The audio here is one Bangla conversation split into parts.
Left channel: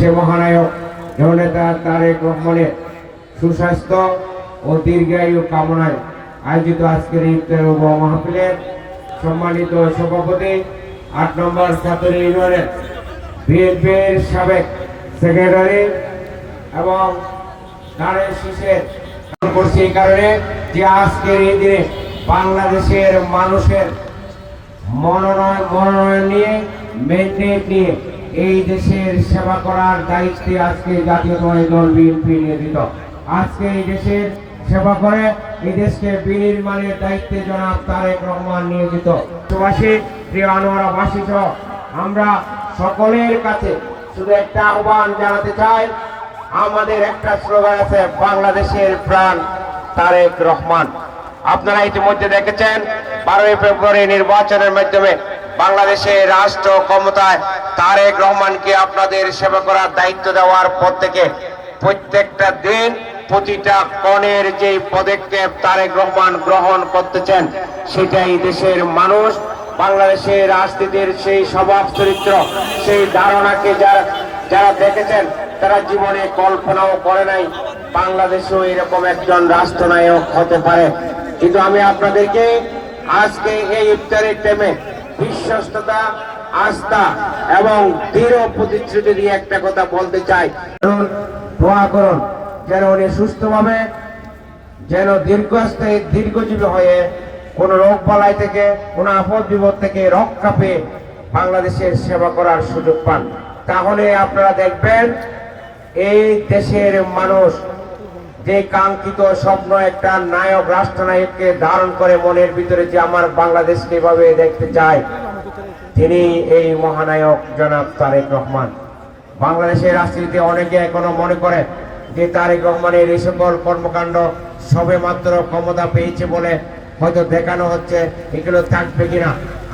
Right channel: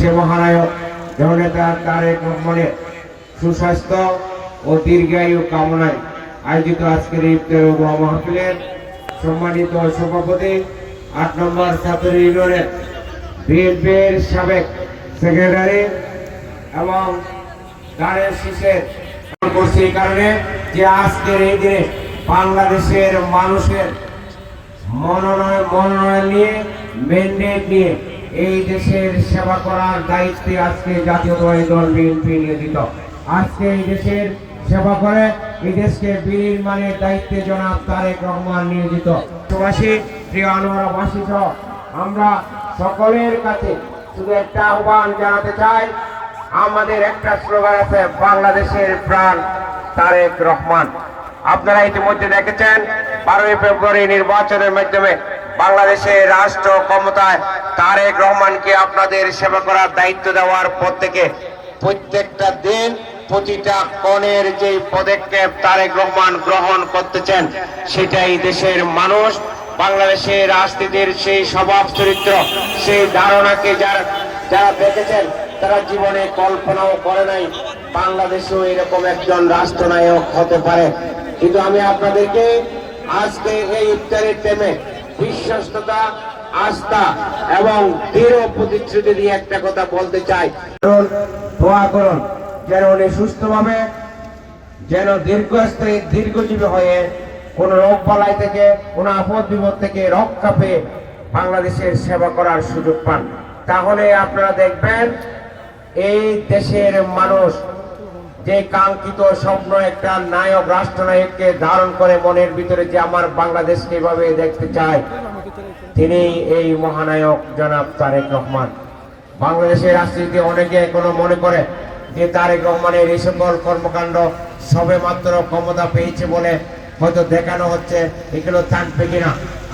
সে মহানায়ক জননেতা তারেক রহমানের সুস্বাস্থ্য ও দীর্ঘায়ু কামনায় আয়োজিত আজকের ইফতার ও দোয়া মাহফিলের সম্মানিত সভাপতি ৮ নম্বর ছাত্র ইউনিয়নের বিএনপির সাবেক সেক্রেটারি এবং দাঁড়ের শীষের করছি এই কারণে যে আজকের এই দিনে বাংলাদেশের মানুষের মনোনয়ন নিয়ে ম্যান্ডেট নিয়ে এই দেশের সেবা করার দায়িত্বে আজকে জাতীয়তাবাদী দল বিএনপি নিয়োজিত। আজকে এই দেশের সেবা করে এই দেশকে বিনির্মাণের দায়িত্বে জনাব তারেক রহমান নিয়োজিত। প্রবাসী প্রিয় আনোয়ারাবাসী সহ আমরা সকলের কাছে শুধু একটা আহ্বান জানাতে চাই, আমাদের একটা স্লোগান আছে, বাংলাদেশের প্রাণ তারেক রহমান। আপনারা ইতিমধ্যে দেখেছেন 12ই ফেব্রুয়ারি নির্বাচনের মাধ্যমে বাংলাদেশের রাষ্ট্র ক্ষমতায় তারেক রহমানকে আপনাদের সেবা করার দায়িত্ব দেওয়ার পর থেকে প্রত্যেকটা দিন প্রতিটা কণের যে পদক্ষেপ তারেক রহমান গ্রহণ করতেছেন সেটাই দেশের মানুষ বাংলাদেশের রাজনীতির সেই স্বভাব চরিত্র সেই ধারণাকে যারা দেখেছেন তারা জীবনে কল্পনাও করে নাই বাংলাদেশেও এরকম একজন রাষ্ট্রনায়ক হতে পারে। কিন্তু আমি আপনাদেরকে আজকে এই ইফতারের টাইমে বিশ্বস্ততা, আস্থা এবং দৃঢ় প্রতিশ্রুতি দিয়ে একটা কথা বলতে চাই, দোয়া করুন যেন উনি সুস্থভাবে, যেন দীর্ঘজীবী হয়ে কোন রোগ বালাই থেকে, কোন আপদ বিপদ থেকে রক্ষা পেয়ে বাংলাদেশের সেবা করার সুযোগ পান। তাহলে আপনারা দেখবেন এই দেশের মানুষ যে কাঙ্ক্ষিত স্বপ্ন একটা নায়ক, রাষ্ট্রনায়ককে ধারণ করে মনের ভিতরে যে আমার বাংলাদেশকে এভাবে দেখতে চায়, তিনি এই মহানায়ক জনাব তারেক রহমান। বাংলাদেশের রাজনীতিতে অনেকে এখনো মনে করে যে তারেক রহমানের এই সকল কর্মকাণ্ড সবে মাত্র ক্ষমতা পেয়েছে বলে হয়তো দেখানো হচ্ছে, এগুলো থাকবে কিনা।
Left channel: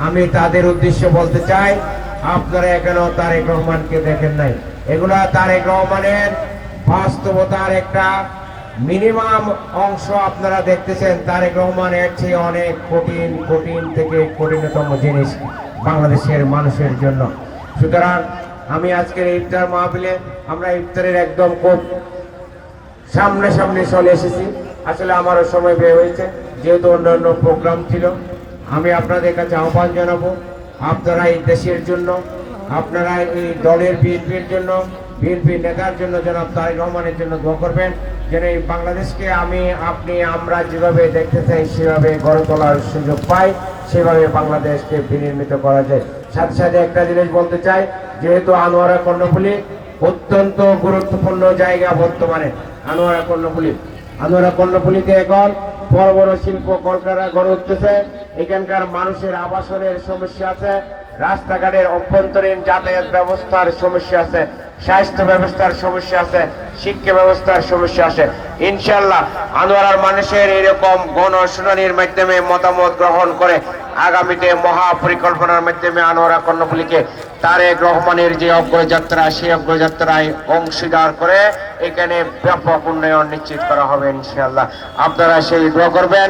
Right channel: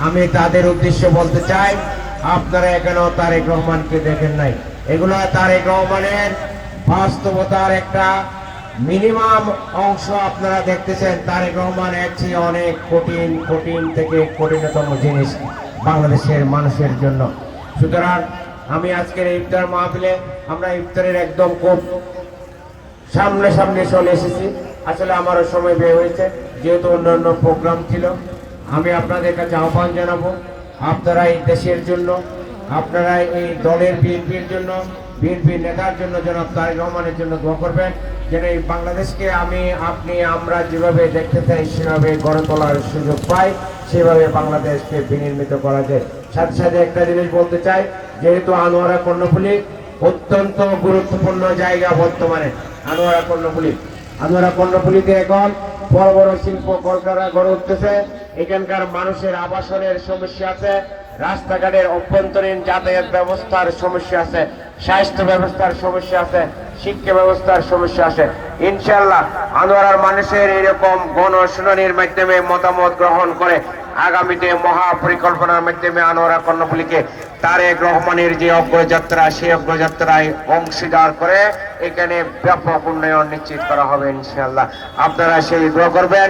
আমি তাদের উদ্দেশ্যে বলতে চাই, আপনারা এখনো তারেক রহমানকে দেখেন নাই। এগুলা তারেক রহমানের বাস্তবতার একটা মিনিমাম অংশ আপনারা দেখতেছেন। তারেক রহমান এর চেয়ে অনেক কঠিন থেকে কঠিনতম জিনিস বাংলাদেশের মানুষের জন্য। সুতরাং আমি আজকের ইফতার মাহফিলে আমরা ইফতারের একদম খুব সামনে চলে এসেছি। আসলে আমারও সময় বের হয়েছে, যেহেতু অন্য প্রোগ্রাম ছিল। আমি আপনাদের কাছে আহ্বান জানাবো, আপনারা এই দেশের জন্য, আপনারা এই দলের বিএনপির জন্য, বিএনপির নেতার জন্য, জনাব তারেক রহমানের জন্য দোয়া করবেন যেন এই বাংলাদেশকে আমরা যেভাবে দেখতে চাই সেভাবে গড়ে তোলার সুযোগ পাই, সেভাবে বাংলাদেশকে বিনির্মিত করা যায়। সাথে একটা জিনিস বলতে চাই, যেহেতু আনোয়ারা কর্ণফুলী অত্যন্ত গুরুত্বপূর্ণ জায়গা বর্তমানে। আনোয়ারা কর্ণফুলীতে এখন বড় বড় শিল্প কলকারখানা গড়ে উঠতেছে। এখানকার মানুষের আবাসনের সমস্যা আছে, রাস্তাঘাটের অভ্যন্তরীণ যাতায়াত ব্যবস্থার সমস্যা আছে, স্বাস্থ্য ব্যবস্থার সমস্যা আছে, শিক্ষা ব্যবস্থার সমস্যা আছে। ইনশাআল্লাহ আনোয়ারার মানুষের এরকম গণশুনানির মাধ্যমে মতামত গ্রহণ করে আগামীতে মহাপরিকল্পনার মাধ্যমে আনোয়ারা কর্ণফুলীকে তারেক রহমানের যে অগ্রযাত্রা, সেই অগ্রযাত্রায় অংশীদার করে এখানে ব্যাপক উন্নয়ন নিশ্চিত করা হবে ইনশাআল্লাহ। আপনারা সেই দোয়া করবেন,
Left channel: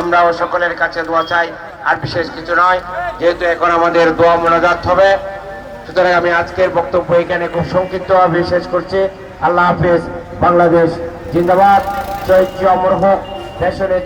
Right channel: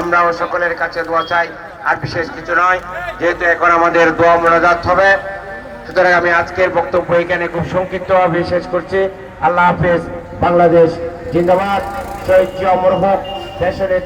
আমরাও সকলের কাছে দোয়া চাই। আর বিশেষ কিছু নয়, যেহেতু এখন আমাদের দোয়া মোনাজাত হবে, সুতরাং আমি আজকের বক্তব্য এখানে খুব সংক্ষিপ্তভাবে শেষ করছি। আল্লাহ হাফেজ। বাংলাদেশ জিন্দাবাদ। জয় অমর হোক দেশের।